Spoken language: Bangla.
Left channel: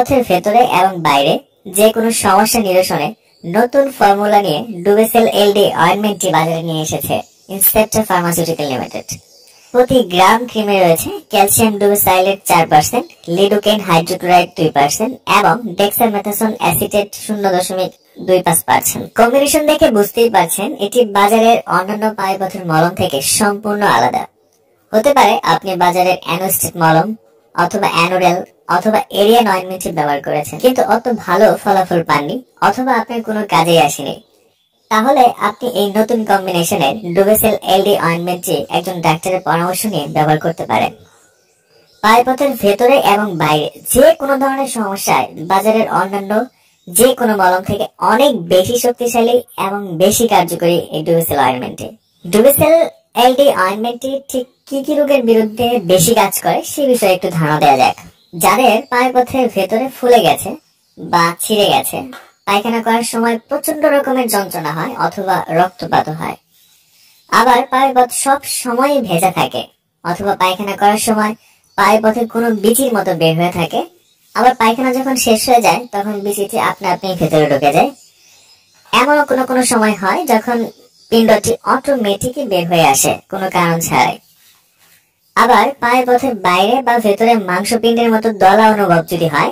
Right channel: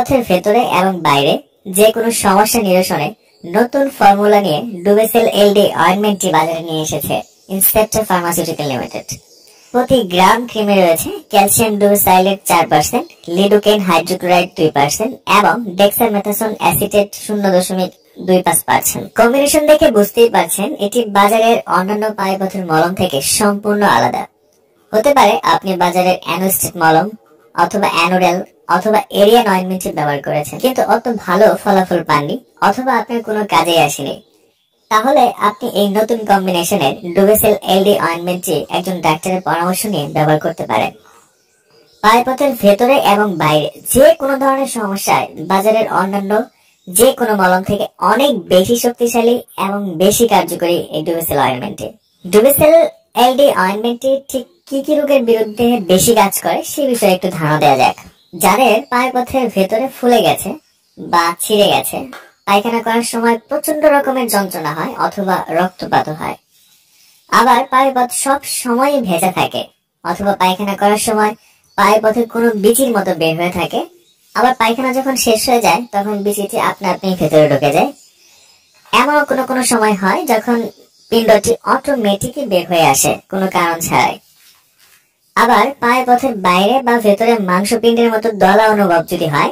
পথের ভেতরে এবং বাইরে যে কোনো সমস্যা নিরসনে নতুন ফর্মুলা নিয়ে ডুবেসেল এলডি অয়েন্টমেন্টটি বাজারে নিয়ে এসেছে ইন্সপেক্টর ফার্মাসিউটিক্যাল লিমিটেড। প্রতি গ্রাম ক্রিমে রয়েছে ক্যালসিয়াম ডুবেসাইলেট 4%, লিডোকেন হাইড্রোক্লোরাইড 2% এবং ডেক্সামেথাসোন অ্যাসিটেট 0.25%। কম্বিনেশন দেখে বুঝতেই পারছেন এটি বাজারের অন্যান্য পায়ুপথের মলম থেকে সম্পূর্ণ আলাদা। হতে পারে আপনি বাজারের অ্যানোস্টেট মলম অথবা অ্যানোডেল অথবা এরিয়ান অয়েন্টমেন্ট ব্যবহার করেছেন, কিন্তু অত ভালো ফলাফল পাননি অথবা আপনার কোনো কাজেই আসেনি। তাহলে আপনি এই নতুন কম্বিনেশনের ডুবেসেল এলডি অয়েন্টমেন্টটি একজন ডাক্তারের পরামর্শ নিয়ে ব্যবহার করতে পারেন। পায়ুপথের ভেতরে এবং বাইরে যে কোনো ধরনের সমস্যায় বাজারের অন্যান্য যে কোনো মলম থেকে অনেক বেশি শক্তিশালী এবং বেশি কার্যকরী এই ডুবেসেল অয়েন্টমেন্টটি। ডুবেসেল এলডি অয়েন্টমেন্টটি ঠিক কি কি রোগের বিরুদ্ধে বেশি কাজ করে সে বিষয়ে একটু ধারণা দেওয়া যাক। যাদের পায়ুপথের ভেতরে ফুলে গেছে বা ছিঁড়ে গেছে, পায়খানা করার সময় প্রচন্ড রকমের যন্ত্রণা হয় অথবা রক্তপাত হয়, আবার পায়ুপথ সব সময় ভেজা থাকে অথবা পায়খানা করার সময় পায়ুপথে কোনো বিচির মতো বের হয়ে থাকে, আবার পায়খানা যখন শেষ হয়ে যায় তখন বিচিটি আপনা আপনি ভেতরে ঢুকে যায়। এমনও কোনো সময় হয় যখন পিণ্ডটি অটোমেটিকই বের হয়ে আসে কোনো কারণ ছাড়াই। আবার পায়ুপথের বাইরে বা ভেতরে মাংসপিণ্ডের মতো দলা অনুভব যদি হয়,